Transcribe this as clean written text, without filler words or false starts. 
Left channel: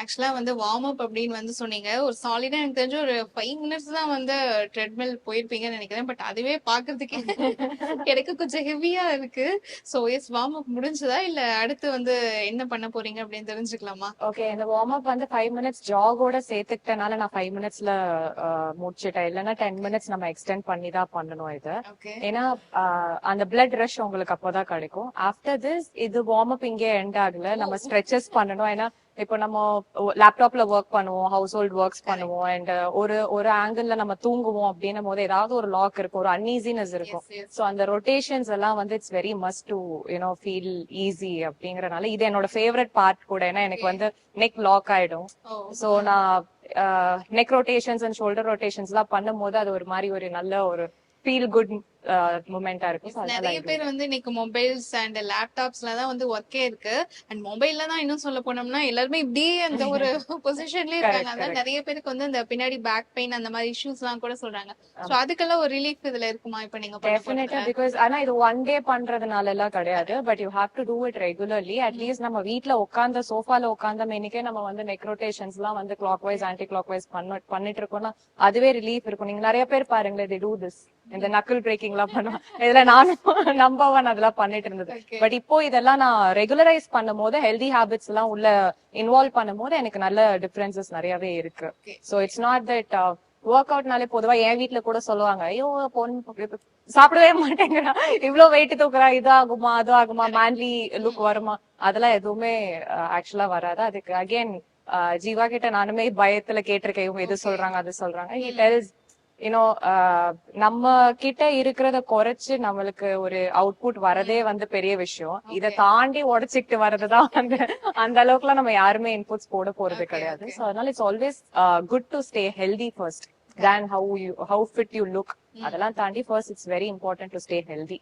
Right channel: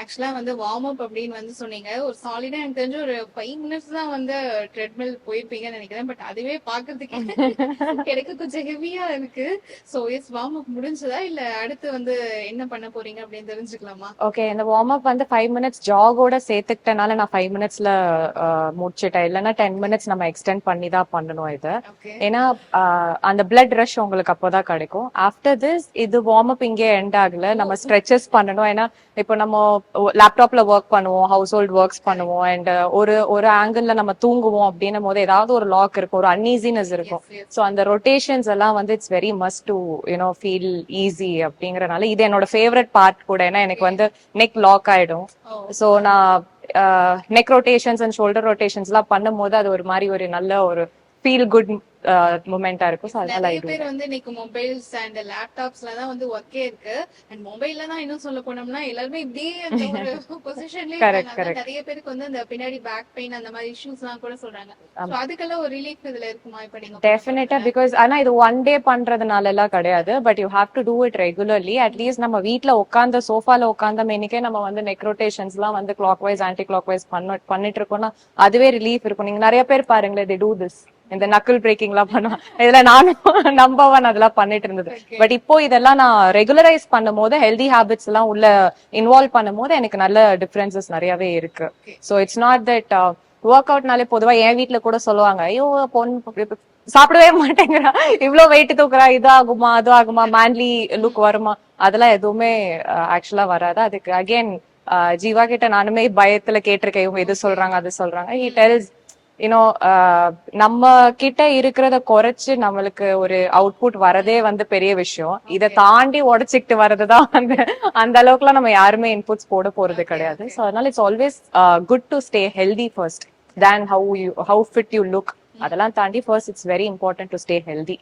ஆக்சுவலா வந்து warm up அப்படின்னு வந்து சொன்னீங்க. ஒரு சாலிடா எனக்கு தெரிஞ்சு ஒரு 5 மினிட்ஸ் தான் வந்து ட்ரெட்மில் போயிருப்பீங்கன்னு நினைக்கிறேன். பட் அதுவே பாக்குறதுக்கு எனக்கு கொஞ்சம் ஹெவியா இருக்கு. சோ எஸ் வார்ம் அப் முடிஞ்சதா இல்ல அடுத்து வந்து என்ன பண்ண போறீங்க அப்படின்னு தெரிஞ்சுக்கலாமா? ஓகே, இந்த வார்ம் அப் வந்து 5 மினிட்ஸ் ஜாகோட சேர்த்துக்கிட்டனால நான் 5 மினிட்ஸ்ல முடிச்சிட்டேன். இல்லைன்னா 10 மினிட்ஸ் நம்ம எக்ஸ்டெண்ட் பண்ணி தான் பண்ணணும் இது. ஓகே. ஏன்னா அந்த பிளட் ரஷ் உங்களுக்கு அப்போதான் கிடைக்கும். ஆஃப்டர் திஸ் இது வார்ம் அப் இங்கே எண்ட் ஆகல, ஓ! நம்ம ஸ்ட்ரெச்சஸ் பண்ணணும். ஏன்னா இப்போ நம்ம லேப்டாப்ல ஒர்க் பண்ணுவோம், ஹவுஸ் ஹோல்ட் ஒர்க்ஸ் கரெக்ட். பண்ணுவோம், அண்ட் ஒரு ஒரு ஆங்கிள் நம்ம தூங்குவோம் அப்படின்னும் போது ஏதாவது ஒரு லாக் இருக்கும், ஒரு அன்ஈசினஸ் இருக்கும். Yes, yes. ஸோ அந்த ரொட்டேஷன்ஸ் எல்லாம் வந்து it's very must to feel easy அப்படிங்கறனால இது என்னோட ஃபேவரட் பார்ட் கூட. ஏன்னா எனக்கு ஓகே. வந்து நெக் லாக் ஆயிடும். ஓ! சோ நான் neck rotations and shoulder rotations எல்லாம் பண்ணும்போது அது ஒரு மாதிரி ஒரு நல்ல ஒரு ஃபீல் குட் மூமெண்டா இருக்கும். சோ அதனால நிறைய ஐ டு பேர் தட். வந்து இன்னைக்கு மொபைல்ஸ் அண்ட் லேப்டாப்ஸ்ல தான் வந்து ஒர்க்கே இருக்கு. அண்ட் மொபைல்ல தான் இன்னும் சொல்ல போனோம்னா எல்லாருமே இப்படியே அந்த ஒரு பொசிஷன்லயே இருக்காங்க. கரெக்ட் அதான் கரெக்ட். நிறைய பேருக்கு வந்து அந்த பின்னாடி பேக் பெயின் அந்த மாதிரி இஷ்யூஸ் எல்லாம் கூட சொல்றாங்க. சோ அதுக்கெல்லாம் ஒரு ரிலீஃப் இதுல இருக்குமா இப்ப நீங்க பண்ண டெஃபினட்டா, போறதுல? பிகாஸ் ஆனா இது ஒன் டே பண்றதுனால எல்லாம் கிடையாது. But you have to do it regularly. At least நம்ம வீட்ல உட்கார்ந்த சோஃபால உட்கார்ந்த மேனிக்கே நம்ம வந்து நெக் ரொட்டேஷன்ஸ் எல்லாம் வந்து கிளாக் வைஸ் ஆன்டி கிளாக் வைஸ் பண்ணிட்டு இருக்கோம்னா அதுவே ரிலீஃப் இருக்கும். நீங்க நிறைய பேர் பாருங்களேன், they do this, இந்த நக்கிள் பிரேக்கிங் எல்லாம் பண்ணுவோம். இதுல நானும் நம்பர் ஒன் அதெல்லாம் பண்ணிட்டு இருந்தது. ஓகே. பட் இப்போ இதெல்லாம் நான் ரெகுலரைஸ் பண்ணும் போது, ஹெல்தி ஹேபிட்ஸ் எல்லாம் உள்ள இன்வால்வ் பண்ணும் போது எனக்கு நல்ல டிஃபரன்சஸ் நிறையவே இருக்கு. Okay. So it's not that work அவுட்னாலே பொதுவா என் வீட்ல கூட சொல்லுவாங்க, ஐயோ பொண்ணு சாப்பிடவே மாட்டேங்கிறா, இவ்வளவு வெயிட் தூக்குறா, இது ஆகுமா அது ஆகுமா, மேன்லி லுக் வருமா, அதெல்லாம் எதுவுமே ஆக்சுவலா வராது. அதுக்கு அகைன் ஜீவா கிட்ட நானுமே பயத்துல கேட்டிருக்கேன், இவங்க எது ஓகே. சொல்றாங்க அது சொல்றாங்க. ஹி டெல்ஸ் யூனோ நம்ம கிட்ட இருக்கிறத குறைச்சு நம்மளுக்கு ஒரு அவுட்புட் வரதே வந்து பெரிய விஷயம். இதை ஓகே. தாண்டி உடைச்சிக்கிட்டு வர்றதுதான் வந்து அந்த அளவுக்குலாம் நம்ம யாருமே இன்புட்ஸ் போட போறது ஓகே. கிடையாது. ஓகே. ஸோ அதனால it's always good to stay healthy first than how fit you look. அதெல்லாம் தாண்டி first it's very important to stay healthy.